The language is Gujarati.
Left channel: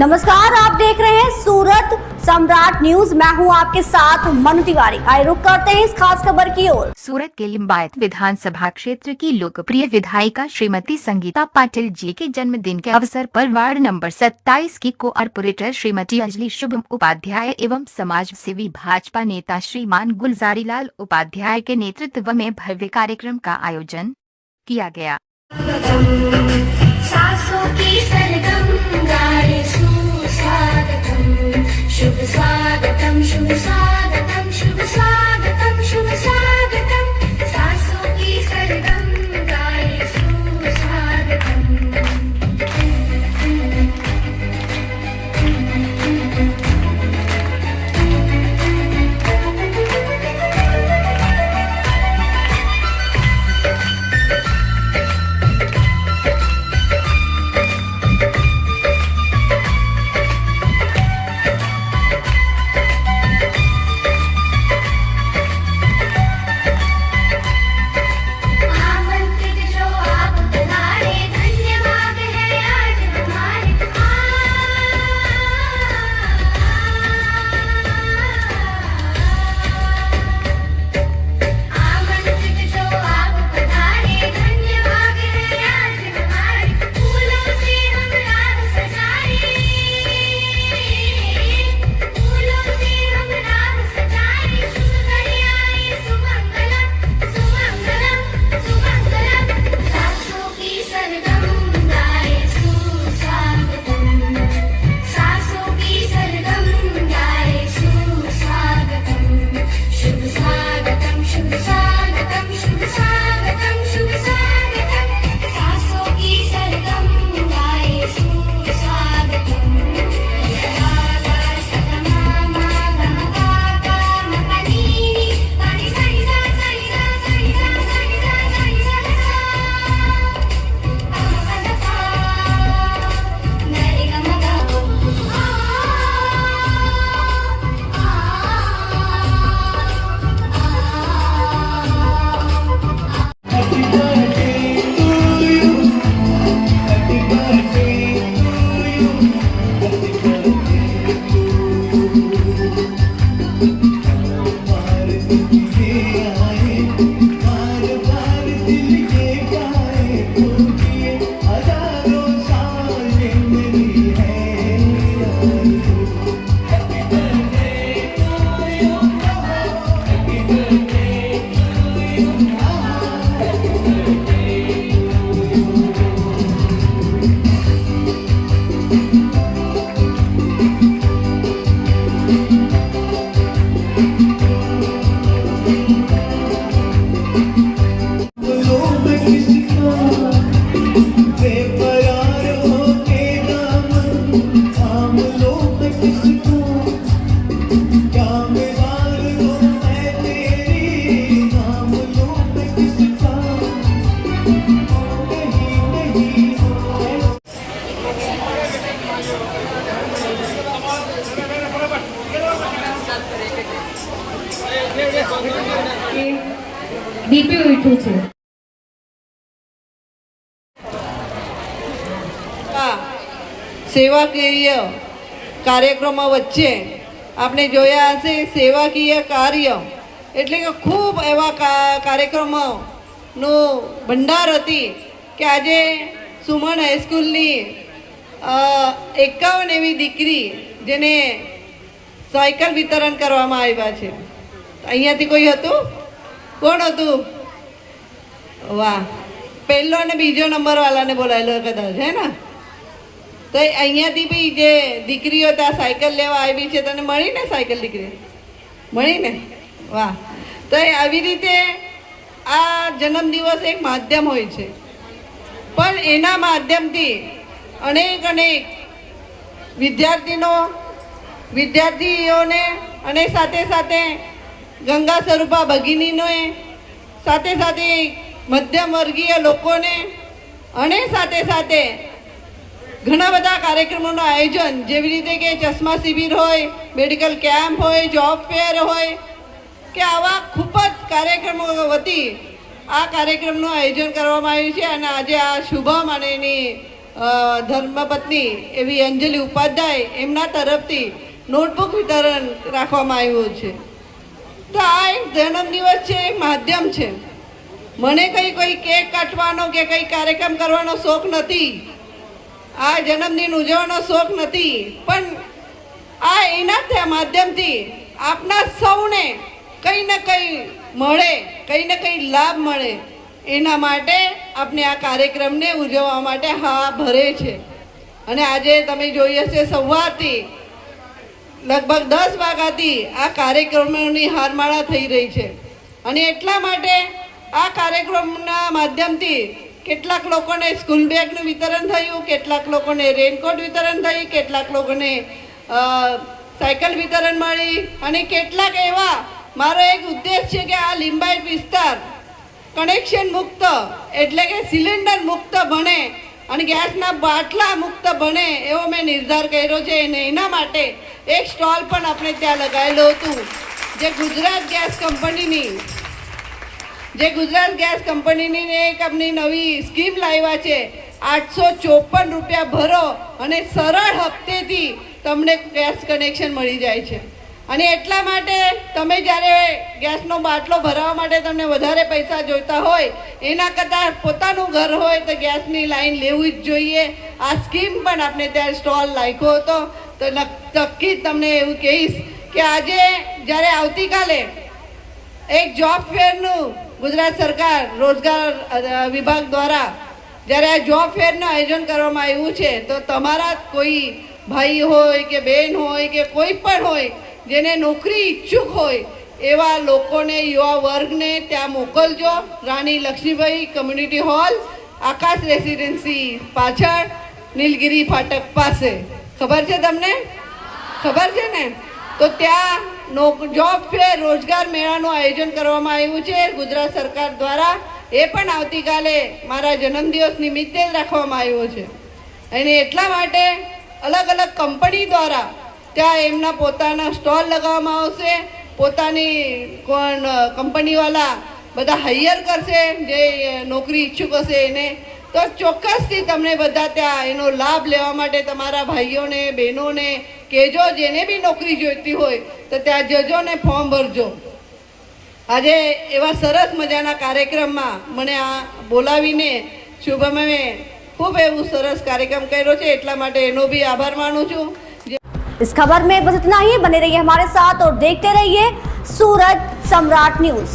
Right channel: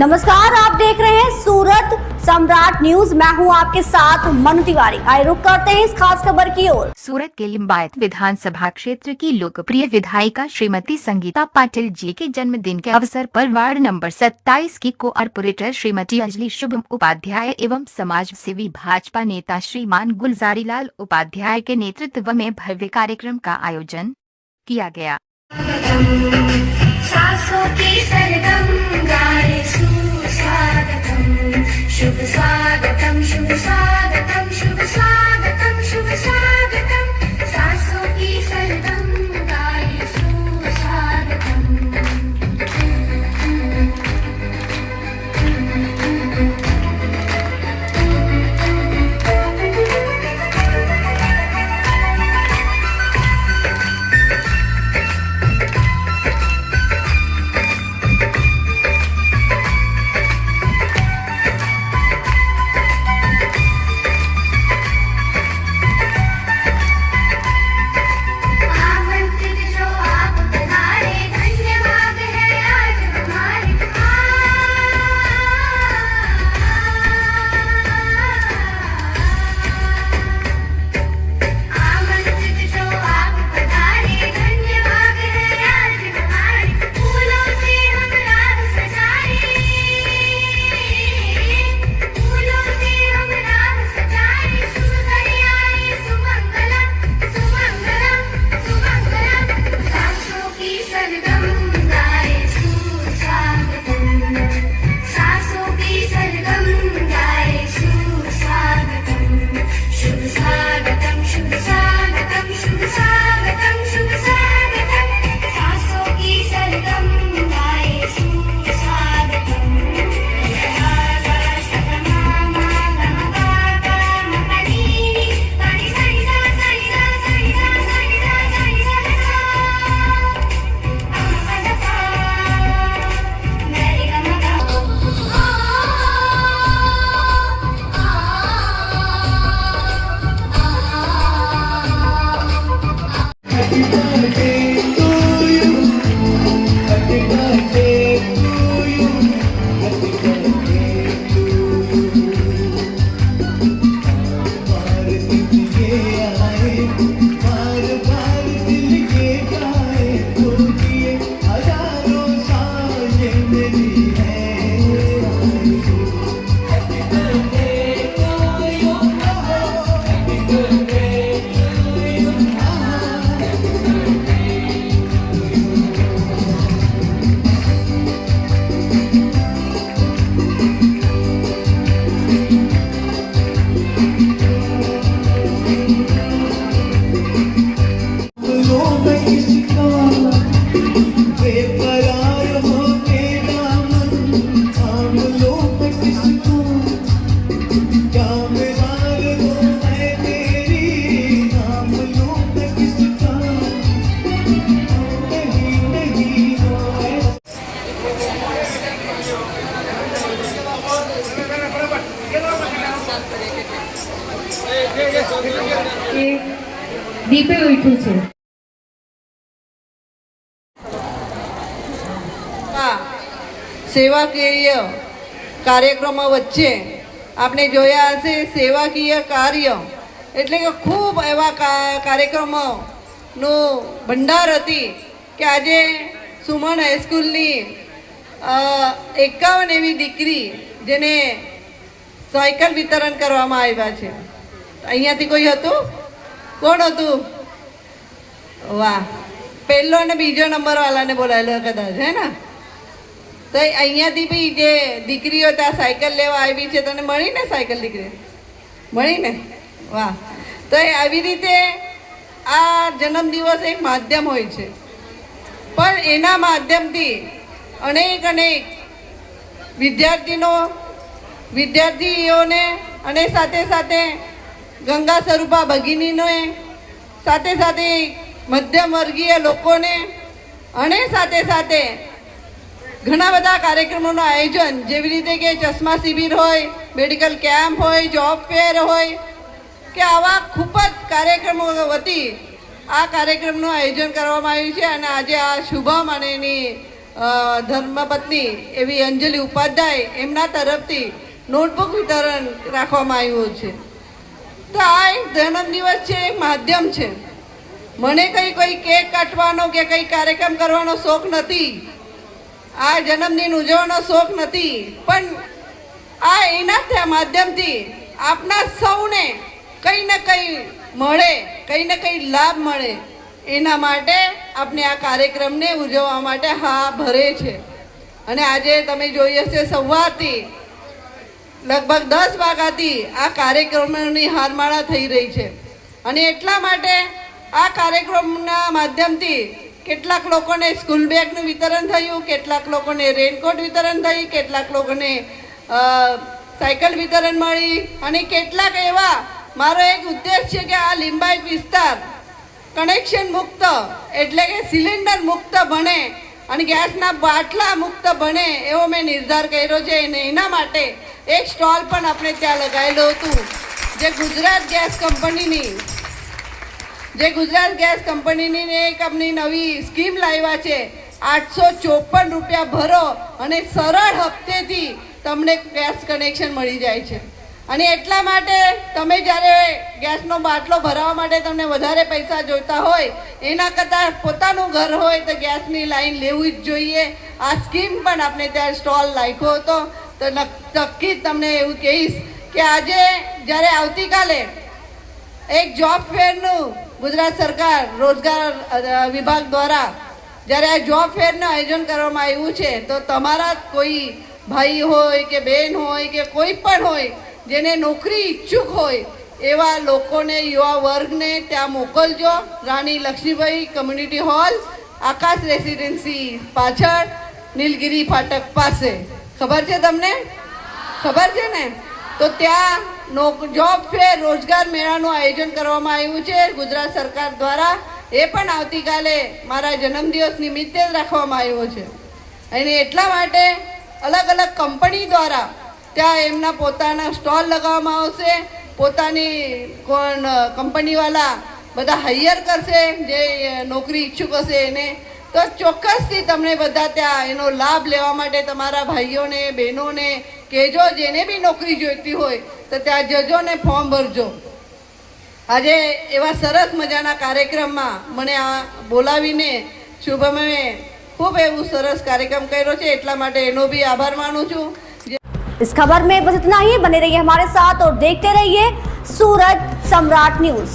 नमस्कार, आप देख रहे हैं सूरत सम्राट न्यूज। मैं हूं आपके साथ मनु तिवारी। आइए रुक करते हैं इस खास खबर की ओर। सूरत के लिंबायत विधानसभा क्षेत्र की लोकप्रिय विधायिका श्रीमती संगीता पाटिल जी के जन्मदिन के अवसर पर वार्ड नंबर 27 की कोऑर्पोरेटर श्रीमती अंजलि शुभम उपाध्याय एवं समाज सेवी भाजपा नेता श्रीमान गुलजारीलाल उपाध्याय के नेतृत्व में भव्य कार्यक्रम का आयोजन किया गया। शुभ स्वागतम शुभ स्वागतम शुभ स्वागतम शुभ स्वागतम सासों की सरगम गाए सुस्वागतम। દીપે ઉઠ્યું છે। સેવાકીય કાર્યક્રમો વચ્ચે આપણે જોયા હશે સેવાકીય કાર્ય એટલે કે ખૂબ એવા કાર્યક્રમોનો ભંડાર હતી કે આજે સુમન હાઈસ્કૂલની 51 એવી દીકરી જેને સાયકલ વિતરણ કરવામાં આવ્યા છે। અહીંયાથી કોઈ હતું? કોણ હતું? વાહ, પહેલો અને બીજો નંબર વાળાને બોલાયેલો કદાચ, હે ને? તો અહીંયાથી બી જે દીકરીઓ ત્યાં સાયકલ લેવા આવી છે, તને મળી ને સાયકલ દીકરી? મળી ને? વાહ। તો આવી રીતે આ જન્મદિવસ એક માધ્યમ હોય છે, પણ એના માધ્યમથી અનેક વિદ્યાર્થીઓને અને સાથે સાથે ગંગા સ્વરૂપા ભગિનીને, સાથે સાથે મધ્યમ વર્ગીય લોકોને અને સાથે સાથે ઘણા બધા કાર્યક્રમોનું આયોજન, જેવી રીતે કે ચશ્મા શિબિર હોય, મેડિકલ કેમ્પ હોય, જોબ ફેર હોય કે આવા ખૂબ જ કાર્યક્રમો વતી આ કાર્યક્રમનું આયોજન કરવામાં આવ્યું છે। અને આજે આ શુભમ અને એની ધર્મપત્ની એવી અંજલિ ઉપાધ્યાય એમના તરફથી નોટબુક વિતરણ રાખવામાં આવ્યું છે. તો આ એક જન્મદિવસ છે, એક માધ્યમ છે. મને કોઈ કેક કાટવાનો કે કંઈ કાર્યક્રમ કરવાનો શોખ નથી, આ જન્મદિન ઉજવવાનો શોખ નથી, પણ આ એના માધ્યમથી આપના સૌને કંઈ ને કંઈ મળે, કંઈ ને કંઈ લાભ મળે, એના માટે આપણે આ કાર્યક્રમને ઉજવવા માટે હા ભરે છે. અને આજે તમે જોઈ હશે સવારથી લગભગ 10 વાગ્યાથી આ કાર્યક્રમોની હારમાળા થઈ રહી છે. અને એટલા માટે આ કાર્યક્રમના માધ્યમથી કેટલાક લોકોને સ્કૂલ બેગનું વિતરણ થયું, કેટલાક લોકોને રેનકોટ વિતરણ થયું, કેટલાક લોકોને સાયકલ વિતરણ મળી, અને કેટલાક એવા મારો એક ઉદ્દેશ છે કે આ લિંબાયત વિસ્તાર કનેક્શન મુક્ત એટલે કે સિલિન્ડર મુક્ત બને અને ગેસના બાટલા મુક્ત બને એવો મેં નિર્ધાર કર્યો છે. અને એના માટે એક સ્ટોલ પણ આપણે ત્યાં લગાવેલું હતું, જે ગુજરાત ગેસ કંપનીની એક આપણી નવી સ્કીમ લાવ્યા છે. 854 રૂપિયા ભરો અને સરળ હપ્તેથી તમને ગેસ કનેક્શન મળી જાય છે. અને એટલા માટે તમે જ્યારે ગેસનો બાટલો ભરાવવા માટે તમને વધારે પૈસા જોઈતા હોય એના કરતાં પોતાનું ઘર હોય તો ગેસની લાઈન લેવું જ જોઈએ. આ સ્કીમ પણ આપણે ત્યાં સ્ટોલ રાખ્યો હતો. તો નક્કી તમને એવું કહીશ કે આજે જ્યારે આવતીકાલે એક જોબ ફેરનું ગુજરાત સરકાર રોજગાર વિભાગ દ્વારા જ્યારે આ જોબ ફેરનું આયોજન કરવામાં આવ્યું છે, તો તમારા કોઈ ભાઈ હોય કે બહેન હોય કે કોઈ પણ હોય જેને નોકરી ઈચ્છુક હોય એવા લોકોને, યુવા વર્ગને ત્યાં મોકલજો. રાણી લક્ષ્મીબાઈ કમ્યુનિટી હોલ, આકાશ રેસિડેન્સી પાછળ, નીલગિરી ફાટક પાસે. ખબર છે તમને? ખબર છે ને? તો ત્યાં જોબ ફેર રોજગાર મેળાનું આયોજન કરવામાં આવ્યું છે ગુજરાત સરકાર દ્વારા. એ પણ આવતીકાલે મારા જન્મદિવસ નિમિત્તે જ રાખવામાં આવ્યો છે. અને એટલા માટે અલગ અલગ કંપની દ્વારા ત્યાં એમના પોતાના સ્ટોલ લગાવવામાં આવશે. પોતાની કંપનીવાળા બધા હાયર કરશે જે નોકરી ઈચ્છુક હશે એને. તો ચોક્કસથી તમને બધા ત્યાં એનો લાભ લેવા માટે તમારા ભાઈઓને, બહેનોને કહેજો. જેને બી નોકરી જોઈતી હોય તો ત્યાં જજો ને ફોર્મ ભરજો. આજે એવા સરસ મજાના કાર્યક્રમમાં મને આ બોલાવીને શુભમે ખૂબ એવું સરસ કાર્યક્રમ કર્યો છે, એટલા માટે એનો બી આભાર માનું છું. इस खबर में बस इतना ही. बने रहिए हमारे साथ और देखते रहिए सूरत सम्राट न्यूज.